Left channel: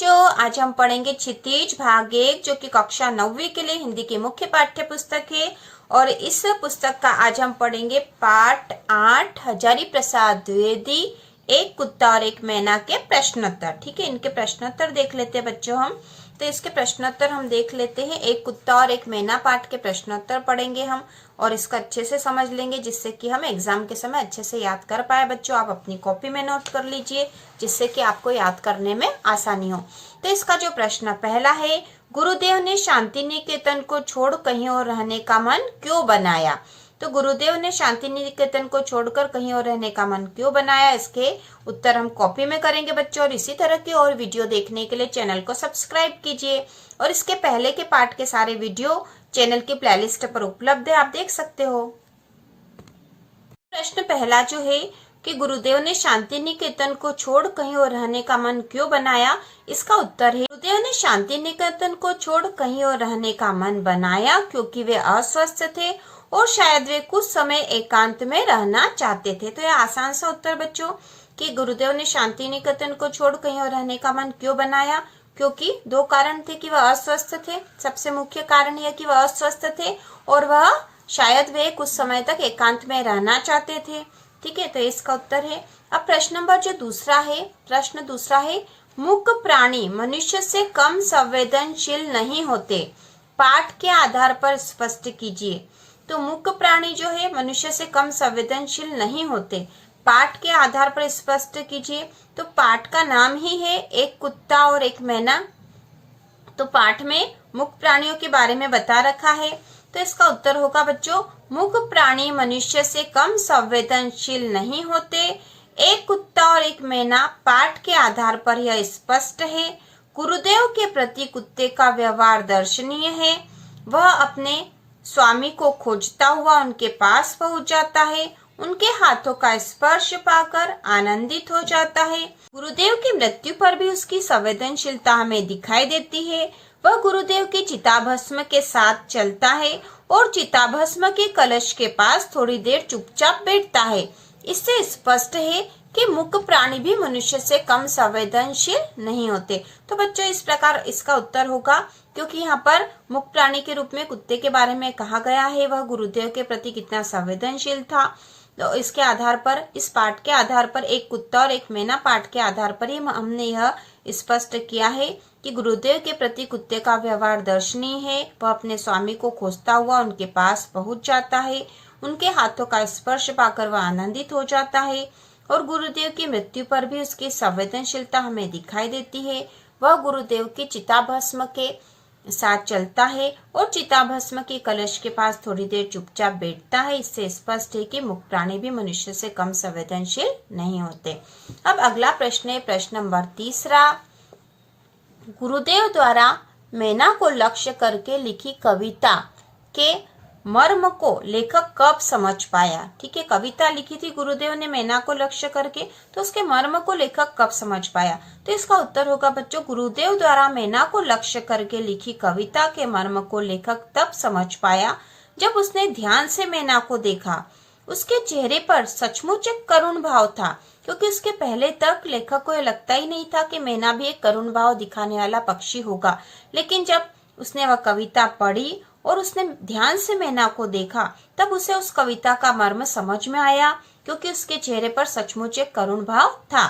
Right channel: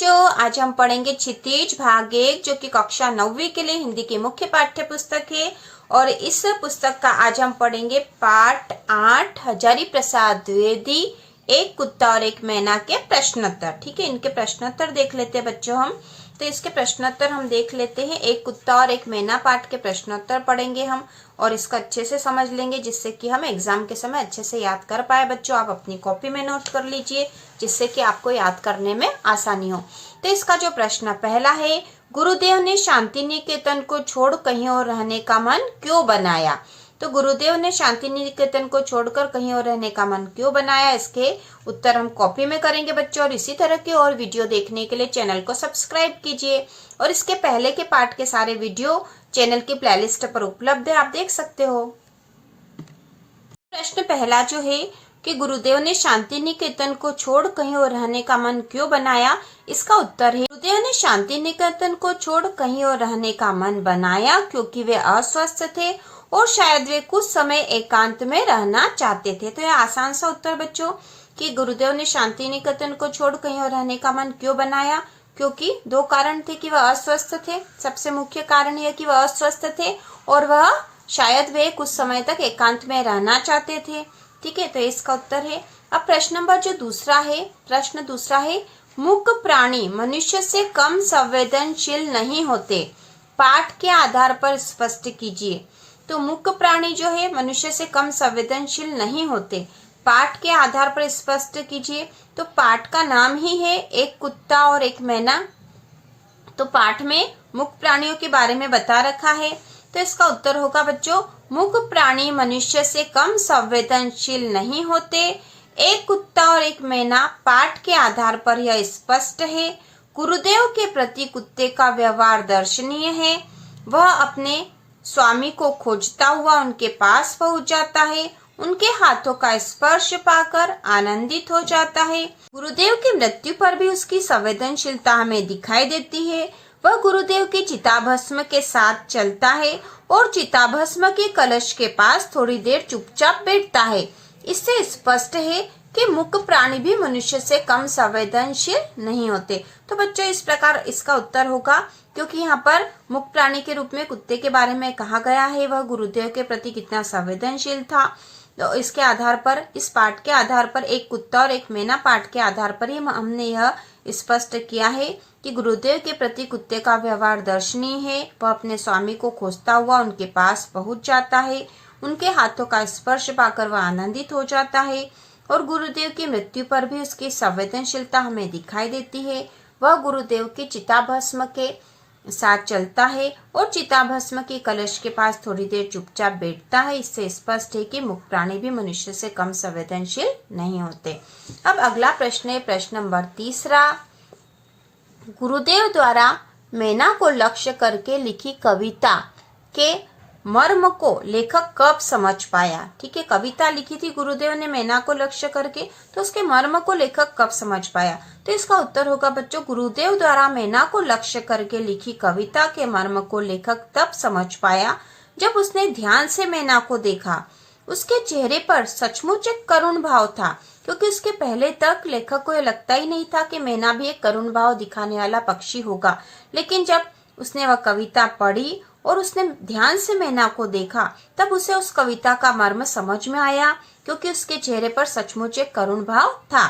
बच्चों, आज हम पढ़ेंगे क्षितिज भाग 1 जो कि कक्षा 9वीं के लिए हिंदी की मुख्य पाठ्य पुस्तक है। और इस पुस्तक का आज हम पढ़ेंगे पाठ 8 हजारी प्रसाद द्विवेदी एक कुत्ता और एक मैना के प्रश्नोत्तर। ठीक है, इनके प्रश्नोत्तर देख लेते हैं बच्चों हम। तो इसके प्रश्नोत्तर हम देख लेते हैं। एक कुत्ता और एक मैना पाठ के प्रश्नोत्तर पढ़ेंगे हम और इसका अच्छे से समझ लेंगे जिससे कि हम एग्जाम के समय अच्छे से याद कर पाए। बच्चों, आप अपनी कॉपी में नोट कर लीजिए जिससे कि आपको याद करने में आसानी हो। तो इसका जो प्रश्न पहला है, गुरुदेव ने शांति निकेतन को छोड़ कहीं और रहने का मन क्यों बनाया? तो गुरुदेव ने शांति निकेतन को छोड़कर कहीं और रहने का मन क्यों बनाया? इसके उत्तर हम कॉपी में करेंगे बच्चों। और इसी तरह की और वीडियो देखने के लिए चैनल को सब्सक्राइब कीजिए और इसके पहले के पार्ट के सारे वीडियो चैनल की प्लेलिस्ट पर उपलब्ध है, आप देख सकते हो। प्रश्न पहला जो है कि गुरुदेव ने शांति निकेतन को छोड़ कहीं और रहने का मन क्यों बनाया? इसका उत्तर है, गुरुदेव ने शांति निकेतन को छोड़ कहीं और रहने का मन बनाया क्योंकि वे अस्वस्थ थे और शायद वे कुछ समय एकांत में रहना चाहते थे। तो यह आसान सा उत्तर बच्चों कि गुरुदेव ने शांति निकेतन को छोड़ कहीं और रहने का मन क्यों बनाया, क्योंकि दो कारण थे कि वह अस्वस्थ थे। सबसे मुख्य कारण यह कि वह अस्वस्थ थे और वह शायद वे कुछ समय तक एकांत में रहना चाहते थे। ठीक है, तो इसका उत्तर है। अब प्रश्न नंबर जो प्रश्न दूसरा है, मूक प्राणी मनुष्य से कम संवेदनशील नहीं होते, पाठ के आधार पर स्पष्ट कीजिए। तो मूक प्राणी जो है मनुष्य से कम संवेदनशील नहीं होते, पाठ के आधार पर स्पष्ट कीजिए। तो पाठ का नाम ही है एक कुत्ता और एक मैना। तो पाठ में मूक प्राणियों के बारे में बता रखा है। तो इसका उत्तर होगा बच्चों, मूक प्राणी मनुष्य से कम संवेदनशील नहीं होते, एक कुत्ता और एक मैना। पाठ के आधार पर यह स्पष्ट है। गुरुदेव के प्रति कुत्ते का व्यवहार दर्शनीय है। वह अपने स्वामी को खोजता हुआ उनके पास पहुंच जाता है, उनके हाथों का स्पर्श पाकर आनंदित हो जाता है। गुरुदेव की मृत्यु पर भी उसकी संवेदनशीलता हमें दिखाई देती है। वह गुरुदेव की चिताभस्म के साथ चलता है और चिताभस्म के कलश के पास थोड़ी देर चुपचाप बैठता है। इससे स्पष्ट है कि मूक प्राणी भी मनुष्य से कम संवेदनशील नहीं होते। तो बच्चों, इस प्रकार इसका उत्तर होगा, क्योंकि यहाँ पर मूक प्राणी के रूप में कुत्ते के बारे में कहा गया है, वह गुरुदेव के प्रति कितना संवेदनशील था। तो इसके आधार पर, इस पाठ के आधार पर, एक कुत्ता और एक मैना पाठ के आधार पर ही हमने यह स्पष्ट किया है कि गुरुदेव के प्रति कुत्ते का व्यवहार दर्शनीय है। वह अपने स्वामी को खोजता हुआ उनके पास पहुंच जाता है, उनके हाथों का स्पर्श पाकर वह आनंदित हो जाता है और गुरुदेव की मृत्यु पर भी उसकी संवेदनशीलता हमें दिखाई देती है। वह गुरुदेव की चिताभस्म के साथ चलता है और चिताभस्म के कलश के पास थोड़ी देर चुपचाप बैठता है। इससे स्पष्ट है कि मूक प्राणी भी मनुष्य से कम संवेदनशील नहीं होते। अब अगला प्रश्न है प्रश्न नंबर 3। गुरुदेव द्वारा मैना को लक्ष्य करके लिखी कविता के मर्म को लेखक कब समझ पाया? ठीक है, कविता लिखी थी गुरुदेव ने मैना को लक्ष्य करके, तो उसके मर्म को लेखक कब समझ पाया? तो इसका उत्तर होगा बच्चों, गुरुदेव द्वारा मैना को लक्ष्य करके लिखी कविता के मर्म को लेखक तब समझ पाया जब उसने ध्यान से मैना को देखा। उसके चेहरे पर सचमुच एक करुण भाव था, क्योंकि उसके पहले तक लेखक को यह लगता ही नहीं था कि मैना भी एक करुण भाव दिखाने वाला पक्षी होगा। लेकिन जब उसने वह कविता पढ़ी और उसने ध्यान से मैना को देखा, तब उसे उस कविता का मर्म समझ में आया, क्योंकि उसके चेहरे पर सचमुच एक करुण भाव था।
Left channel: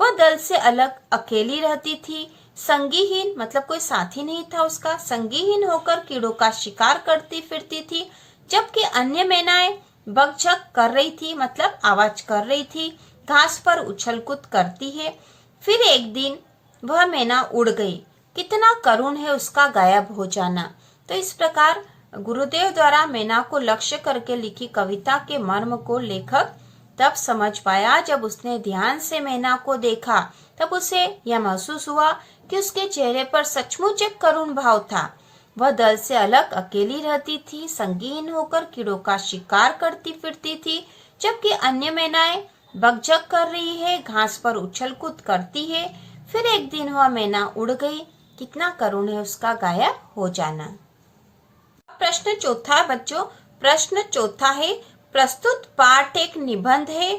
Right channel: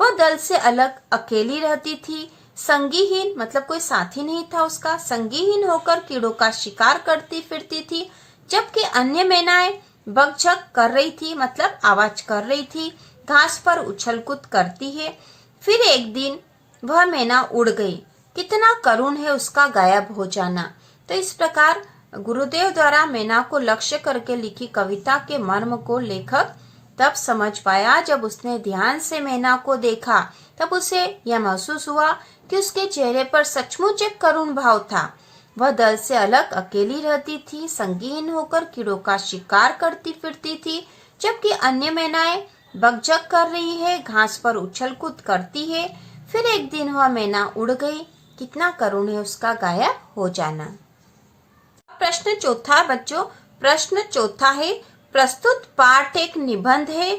वह दल से अलग अकेली रहती थी, संगीहीन मतलब कोई साथी नहीं था उसका, संगीहीन होकर कीड़ों का शिकार करती फिरती थी, जबकि अन्य मैनाएं बकझक कर रही थी मतलब आवाज कर रही थी, घास पर उछल कूद करती है। फिर एक दिन वह मैना उड़ गई। कितना करुण है उसका गायब हो जाना। तो इस प्रकार गुरुदेव द्वारा मैना को लक्ष्य करके लिखी कविता के मर्म को लेखक तब समझ पाया जब उसने ध्यान से मैना को देखा। तब उसे यह महसूस हुआ कि उसके चेहरे पर सचमुच एक करुण भाव था। वह दल से अलग अकेली रहती थी, संगीन होकर कीड़ों का शिकार करती फिरती थी, जबकि अन्य मैनाएं बकझक कर रही है, घास पर उछल कूद करती है। फिर एक दिन वह मैना उड़ गई। कितना करुण है उसका गायब हो जाना। प्रश्न चौथा बच्चों, प्रश्न चौथा है, प्रस्तुत पाठ एक निबंध है।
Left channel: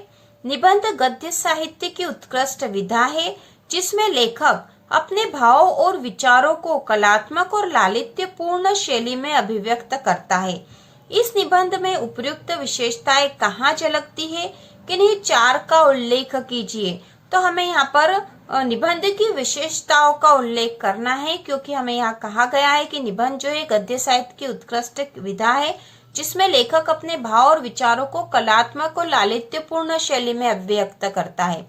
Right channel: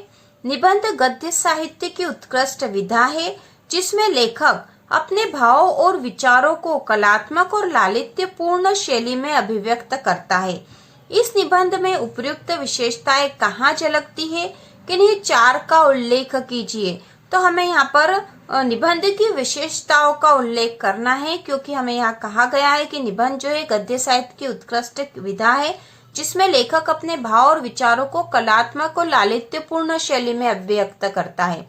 निबंध गद्य साहित्य की उत्कृष्ट विधा है जिसमें लेखक अपने भावों और विचारों को कलात्मक और लालित्यपूर्ण शैली में अभिव्यक्त करता है। इस निबंध में उपयुक्त विशेषताएं कहाँ झलकती है, किन्हीं चार का उल्लेख कीजिए। तो हमें यहाँ पर निबंध की विशेषताओं का उल्लेख करना है, क्योंकि हमें यहाँ कहा गया है कि निबंध जो है गद्य साहित्य की उत्कृष्ट विधा है, जिसमें लेखक अपने भाव और विचारों को कलात्मक और लालित्यपूर्ण शैली में अभिव्यक्त करता है।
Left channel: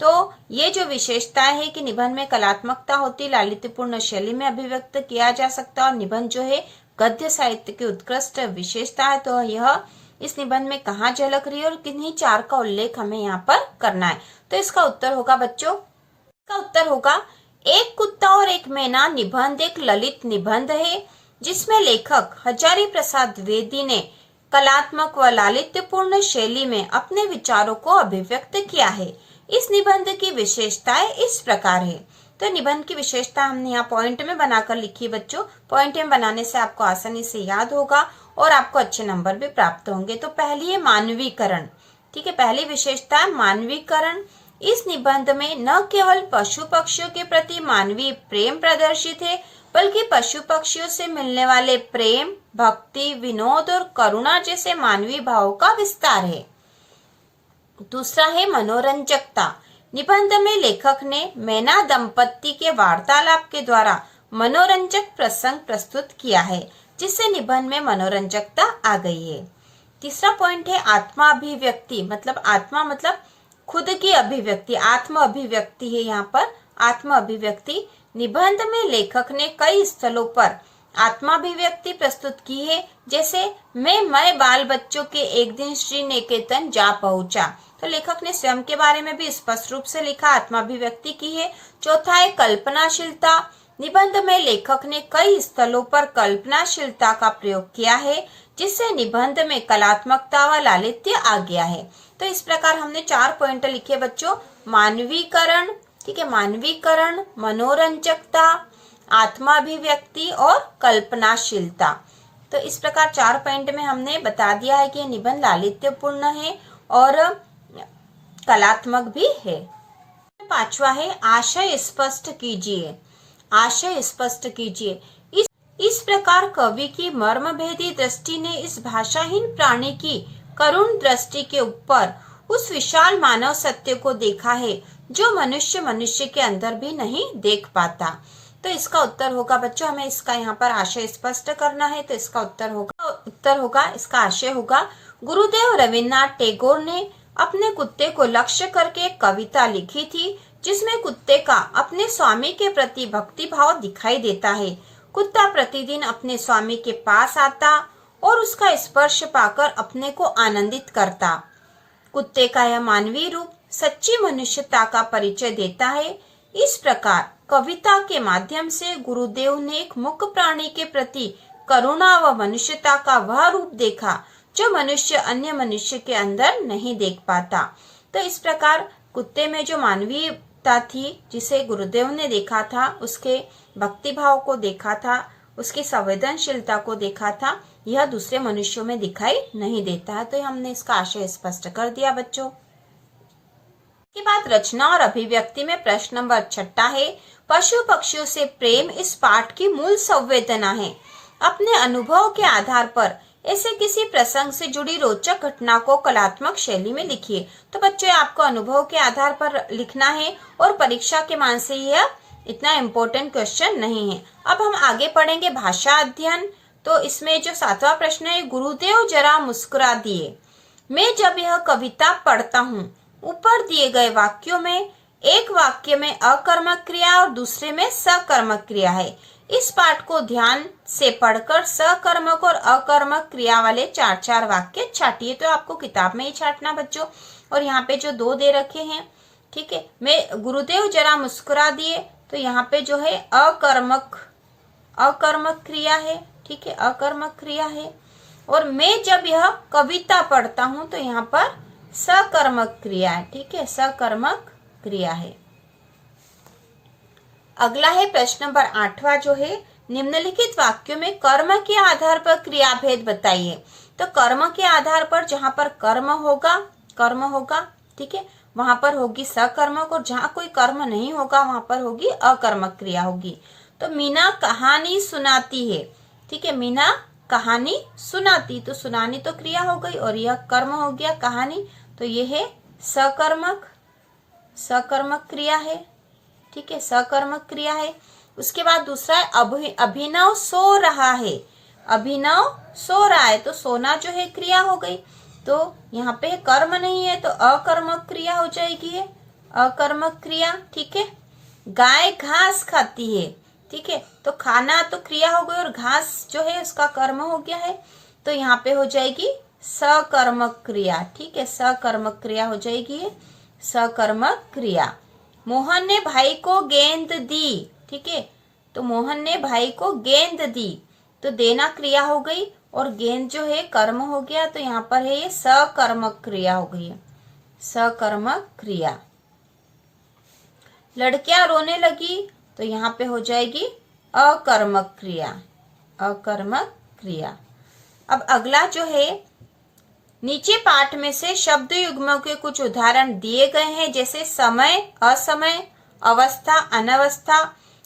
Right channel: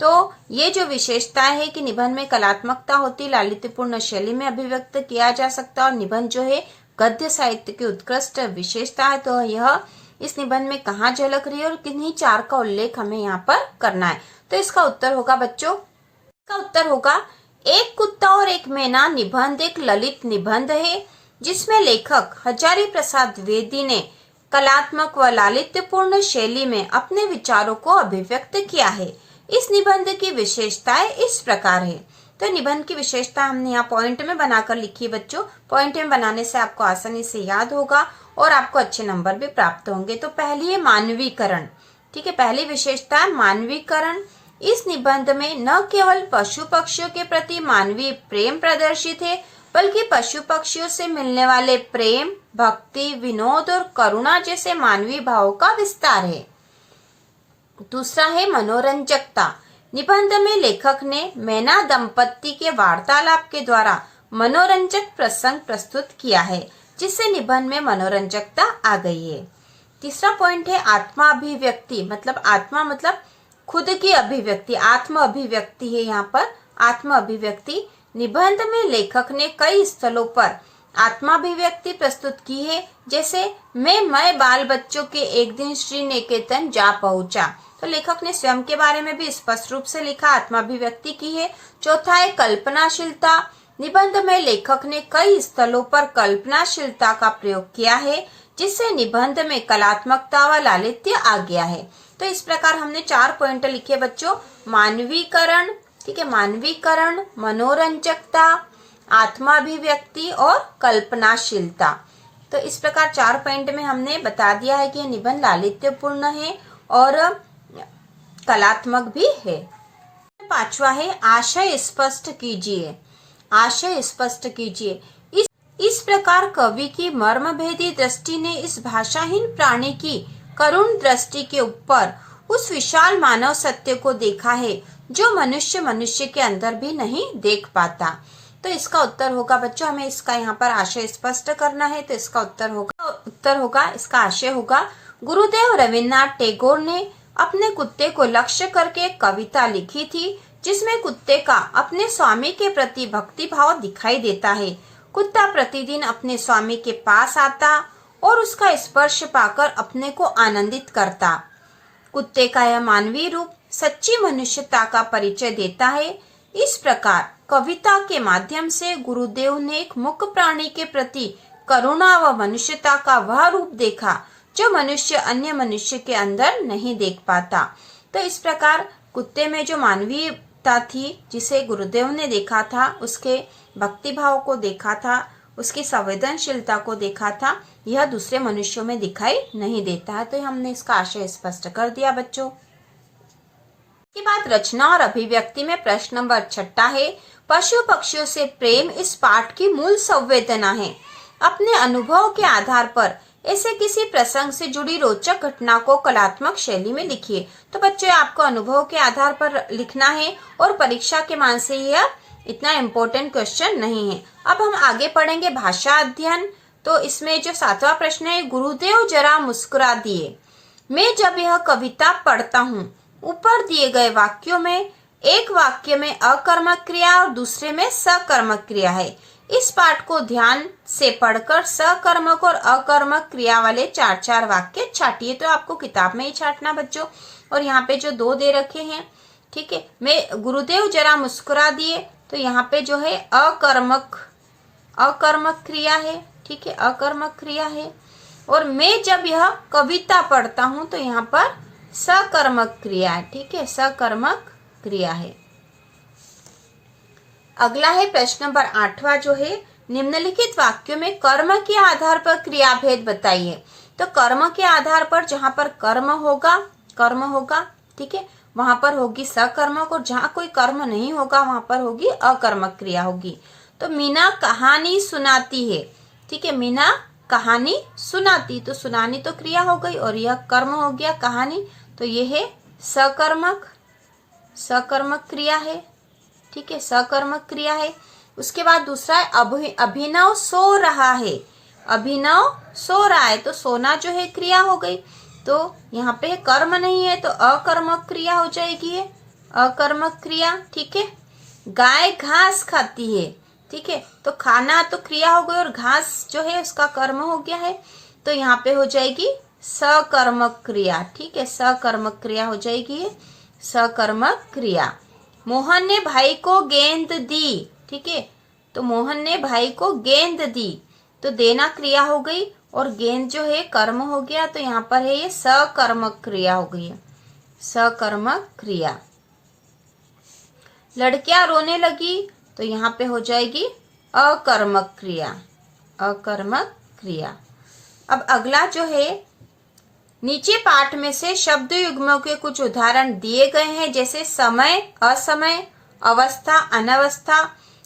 तो ये जो विशेषता है कि निबंध में कलात्मकता होती, लालित्यपूर्ण शैली में अभिव्यक्त किया जा सकता है, और निबंध जो है गद्य साहित्य की उत्कृष्ट विशेषता है। तो यह इस निबंध में कहाँ झलक रही है और किन्हीं चार का उल्लेख हमें यहाँ पर करना है। तो इसका उत्तर होगा बच्चों, इसका उत्तर होगा एक कुत्ता और एक मैना निबंध एक ललित निबंध है, जिसमें लेखक हजारी प्रसाद द्विवेदी ने कलात्मक व लालित्यपूर्ण शैली में अपने विचारों को अभिव्यक्त किया है। इस निबंध की विशेषताएं इस प्रकार है। तो निबंध की विशेषता हमने यहाँ पॉइंट में बनाकर लिखी है बच्चों। पॉइंट में बनाने से आपको आसानी से याद होगा और आपको अच्छे नंबर भी प्राप्त होंगे। तो पहली है मानवीकरण। ठीक है, पहली विशेषता है मानवीकरण। इस निबंध में न केवल पशु पक्षियों के प्रति मानवीय प्रेम प्रदर्शित है, बल्कि पशु पक्षियों से मिलने वाले प्रेम, भक्ति, विनोद और करुणा जैसे मानवीय भावों का विस्तार है। दूसरा है मनोरंजकता। निबंध में लेखक ने मैना दंपत्ति के वार्तालाप के द्वारा मनोरंजक प्रसंग प्रस्तुत किया है, जिससे निबंध में मनोरंजकता आ गई है। तीसरा पॉइंट है आत्मा अभिव्यक्ति। मतलब आत्मा मतलब खुद की अभिव्यक्ति, आत्म अभिव्यक्ति है यहाँ पर, आत्म अभिव्यक्ति। निबंध में लेखक ने कई स्थलों पर आत्माभिव्यक्ति प्रस्तुत की है, जैसे मैं बाल बच्चों के एक दिन श्री निकेतन जा पहुंचा। तो लेखक ने स्वयं के बारे में भी स्पष्ट रूप से लिखा, आत्माभिव्यक्ति की है। चौथा है कल्पनाशीलता। निबंध में लेखक ने कई स्थलों पर कल्पनाशीलता का प्रयोग किया है, जिससे निबंध में कलात्मकता व लालित्य आ गया है। तो इस प्रकार हमने 4 पॉइंट लिखे बच्चों, मानवीकरण, ठीक है, मानवीकरण, मनोरंजकता, आत्माभिव्यक्ति और कल्पनाशीलता। तो इस प्रकार 4 पॉइंट में हमने बता दिया है कि यह निबंध लालित्यपूर्ण है और कलात्मक भी है। 5वां है आशय स्पष्ट कीजिए। आशय स्पष्ट कीजिए। इस प्रकार कवि की मर्मभेदी दृष्टि ने इस भाषाहीन प्राणी की करुण दृष्टि के ऊपर उस विशाल मानव सत्य को देखा है, जो मनुष्य के अंदर भी नहीं देख पाता। तो इसका उत्तर होगा बच्चों, हमें इसका यहाँ पर आशय स्पष्ट करना है। तो इसका उत्तर होगा इसका आशय होगा, गुरुदेव रविन्द्रनाथ टैगोर ने अपने कुत्ते को लक्ष्य करके एक कविता लिखी थी, जिसमें कुत्ते का अपने स्वामी के प्रति भक्ति भाव दिखाई देता है। कुत्ता प्रतिदिन अपने स्वामी के पास आता और उसका स्पर्श पाकर अपने को आनंदित करता। कुत्ते का यह मानवीय रूप सच्ची मनुष्यता का परिचय देता है। इस प्रकार कविता के माध्यम से गुरुदेव ने एक मूक प्राणी के प्रति करुणा व मनुष्यता का वह रूप देखा, जो मनुष्य अन्य मनुष्य के अंदर नहीं देख पाता। तो इस प्रकार कुत्ते में जो मानवीयता थी, जिसे गुरुदेव ने देखा था, उसके भक्ति भाव को देखा था, उसकी संवेदनशीलता को देखा था, यह दूसरे मनुष्यों में दिखाई नहीं देता है। तो हमने इसका आशय स्पष्ट कर दिया बच्चों। के बाद रचना और अभिव्यक्ति में प्रश्न नंबर 6 है, पशु पक्षियों से प्रेम इस पाठ की मूल संवेदना है। अपने अनुभव के आधार पर ऐसे किसी प्रसंग से जुड़ी रोचक घटना को कलात्मक शैली में लिखिए। तो बच्चों आपको अनुभव के आधार पर लिखना है और परीक्षा के मान से यह इतना इम्पोर्टेंट क्वेश्चन नहीं है। अब हम आगे पढ़ेंगे भाषा अध्ययन। तो इसमें जो 7वां प्रश्न है, गुरुदेव जरा मुस्कुरा दिए। मैं जब यह कविता पढ़ता हूँ, ऊपर दिए गए वाक्यों में एक वाक्य में अकर्मक क्रिया और दूसरे में सकर्मक क्रिया है। इस पाठ को ध्यान से पढ़कर सकर्मक और अकर्मक क्रिया वाले 4-4 वाक्य छाटिए। तो आपको किताब में ही छाटना बच्चों। और यहाँ पे जो 2 दे रखे हैं, ठीक है, मैं गुरुदेव जरा मुस्कुरा दिए, तो यहाँ पे जो है अकर्मक क्रिया है, ठीक है, अकर्मक क्रिया है। और मैं जब यह कविता पढ़ता हूँ, तो यहाँ पर सकर्मक क्रिया है, ठीक है, सकर्मक क्रिया है। अगला है प्रश्न नंबर 8वां जो है, निम्नलिखित वाक्यों में कर्म के आधार पर क्रियाभेद बताइए। तो कर्म के आधार पर जहां पर कर्म होगा, ठीक है, वहां पर होगी सकर्मक, और जहां कोई कर्म नहीं होगा वहां पर होगी अकर्मक क्रिया होगी। तो मीना कहानी सुनाती है, ठीक है, मीना कहानी सुनाती, तो सुनानी तो क्रिया हो गई और यह कर्म हो गया कहानी, तो यह है सकर्मक, सकर्मक क्रिया है, ठीक है, सकर्मक क्रिया है। उसके बाद दूसरा है अभिनव सो रहा है, अभिनव सो रहा है, तो सोना जो है क्रिया हो गई, तो यहाँ पे कर्म नहीं है तो अकर्मक क्रिया हो जाएगी, ये अकर्मक क्रिया, ठीक है। गाय घास खाती है, ठीक है, तो खाना तो क्रिया हो गई और घास जो है उसका कर्म हो गया है, तो यहाँ पे हो जाएगी सकर्मक क्रिया, ठीक है, सकर्मक क्रिया हो जाएगी, सकर्मक क्रिया। मोहन ने भाई को गेंद दी, ठीक है, तो मोहन ने भाई को गेंद दी, तो देना क्रिया हो गई और गेंद जो है कर्म हो गया, तो यहाँ पर है ये सकर्मक क्रिया हो गई है, सकर्मक क्रिया। लड़कियां रोने लगी, तो यहाँ पे हो जाएगी अकर्मक क्रिया, अकर्मक क्रिया। अब अगला जो है, नीचे पाठ में से शब्द युग्मों के कुछ उदाहरण दिए गए हैं, जैसे समय, असमय, अवस्था, अनवस्था।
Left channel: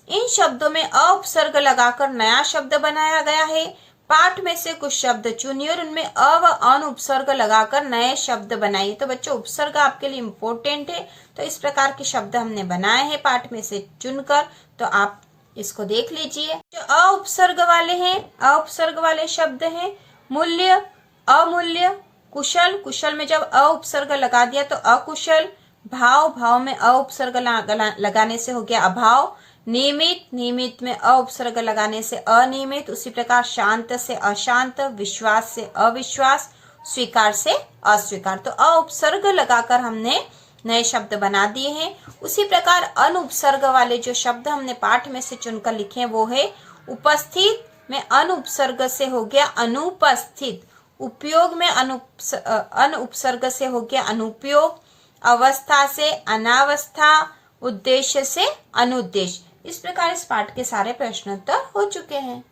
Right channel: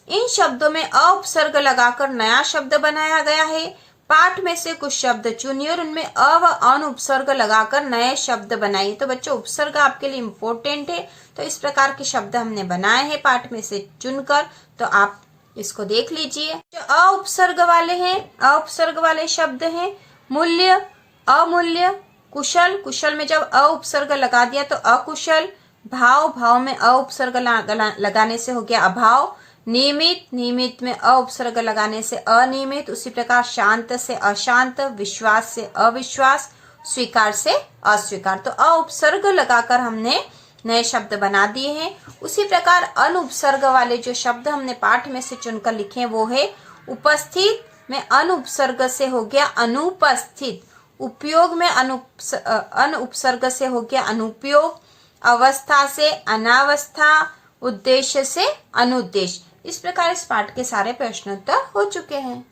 इन शब्दों में अ उपसर्ग लगाकर नया शब्द बनाया गया है। पाठ में से कुछ शब्द चुनिए और उनमें अ व अन उपसर्ग लगाकर नए शब्द बनाइए। तो बच्चों उपसर्ग आपके लिए इम्पोर्टेंट है, तो इस प्रकार के शब्द हमने बनाए हैं पाठ में से चुनकर, तो आप इसको देख लीजिए। जो अ उपसर्ग वाले हैं, अ उपसर्ग वाले शब्द हैं मूल्य, अमूल्य, कुशल, कुशल में जब अ उपसर्ग लगा दिया तो अकुशल, भाव, भाव में अ उपसर्ग लगाने से हो गया अभाव, नियमित, नियमित में अ उपसर्ग लगाने से अनियमित, उसी प्रकार शांत से अशांत, विश्वास से अविश्वास, स्वीकार से अस्वीकार। तो अ उपसर्ग लगाकर हमने नए शब्द बना दिए हैं। उसी प्रकार अन उपसर्ग वाले जो शब्द हमने पाठ में से चुनकर लिखे वो है उपस्थित में अन उपसर्ग से हो गया अनुपस्थित, उपयोग में अन उपसर्ग से हो गया अनुपयोग, अवस्था से अनावस्था, उद्देश्य से अनुद्देश्य। इस प्रकार इस पाठ के सारे प्रश्नोत्तर हो चुके हैं।